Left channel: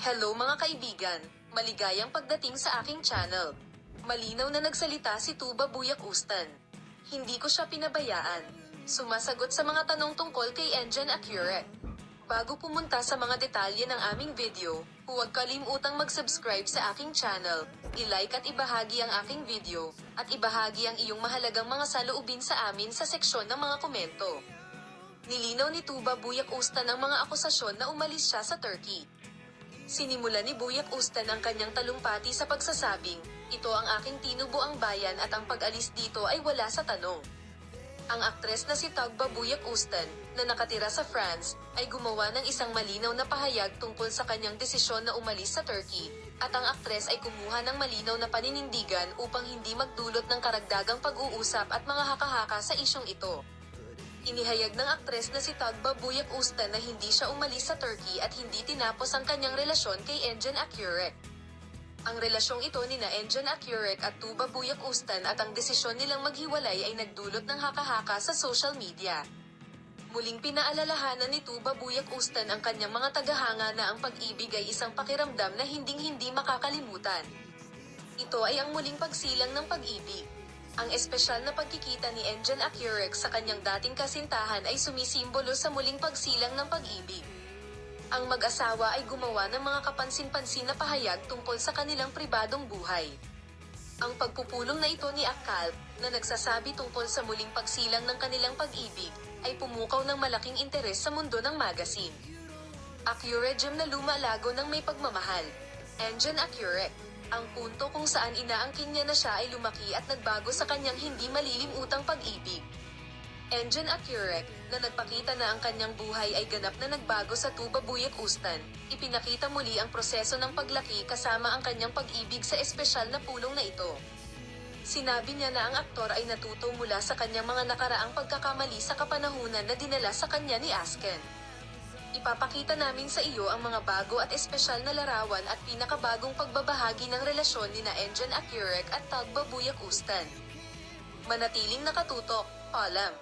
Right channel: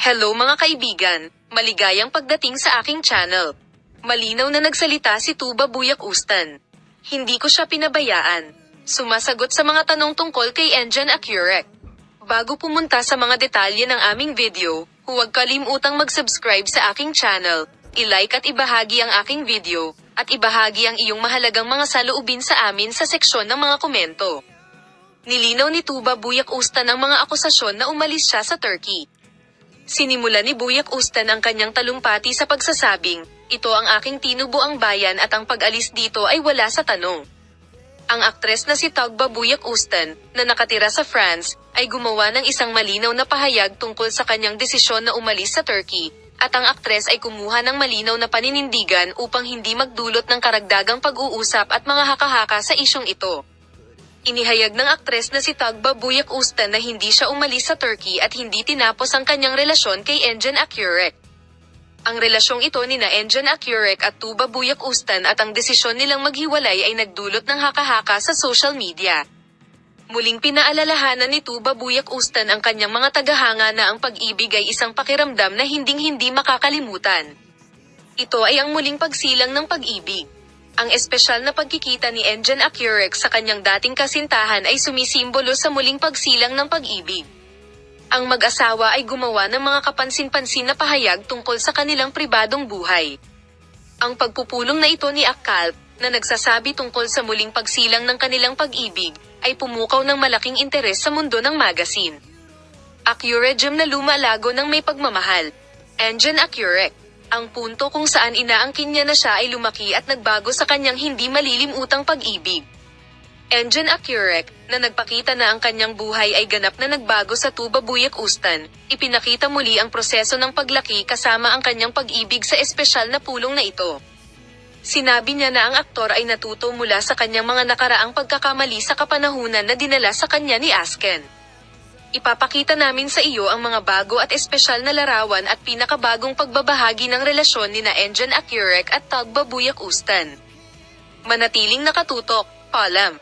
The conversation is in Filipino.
Hello mga kaibigan, maligayang pagdating sa aking channel. Malinaw na nagsalita si Tuba Buyak Ustan. Hindi ko siya pinabayaan. Sumasagot sa mga tanong tungkol kay Engine Accurate. Bago pumunta sa mga detalye ng aming video, huwag kalimutang mag-subscribe sa aking channel, i-like at ibahagi ang aking video, at ibahagi ang iyong mahalagang mga saloobin sa amin sa seksyon ng mga komento. Nilinaw ni Tuba Buyak Ustan ang mga akusasyon na umalis siya sa Turkey. Sinimula ni Buyak Ustan ang kanyang talumpati sa pagsasabing, "Ito ang aking tinubuang bayan at ang pag-alis dito ay wala sa tanong." Ang aktres na si Tuba Buyak Ustan, na nakatira sa France, ay gumawa ng isang malinaw na pahayag tungkol sa kanyang desisyon na umalis sa Turkey, at ang aktres ay kumuha ng malinaw na paninindigan upang hindi magdulot ng karagdagang pag-uusap at mga haka-haka sa isyong ito. Inihayag ng aktres na si Tuba Buyak Ustan na hindi siya umalis sa Turkey at hindi tinapos ang kanyang relasyon kay Engine Accurate. Ang relasyong ito ni Engine Accurate at Tuba Buyak Ustan at ang desisyon nilang maghiwalay ay nagdulot ng haka-haka sa social media. Muling pinaalalahanan ni Tuba Buyak Ustan ang kanyang mga tagahanga na ang pag-ibig ay isang pakiramdam na hinding-hindi makakalimutan. Ito ay ang muling pagsilang ng pag-ibig. Ang espesyal na pagkikita ni Engine Accurate sa kanyang dating kasintahan ay sumisimbolo sa muling pagsilang ng pag-ibig. Ang mag-asawa ay gumawa ng mga kapansin-pansin na pahayag tungkol sa kanilang pribadong buhay. Ang pagpupulong na ito ni Akkalp, na nagsasabi tungkol sa muling pagsilang ng kanilang pag-ibig, ay pumukaw ng malaking interes sa mundo ng magazine. Accurate Gem na lumalago ng may pagmamahal. Engine Accurate. Ang punto kung saan inaangkin niya na siya ay lumaki at nagbago sa kanyang hindi malilimutang pag-ibig. Engine Accurate, na nagpakita na ang kanyang buhay ay ganap na nagbago sa Tuba Buyak Ustan, ipinakita muli ang proseso ng paglaki kasama ang kanyang pag-ibig sa espesyal na pulong na ito. Sinabi niya na ang aktor ay natuto mula sa kanyang mga nakaraang pagkakamali sa kapanahunan na dinala sa kanya ni Asken. Ipapakita namin sa iyo ang mga bago at espesyal na larawan at pinakabagong pagbabahagi ng relasyon ni Engine Accurate at Tuba Buyak Ustan. Manatiling nakatutok, paalam.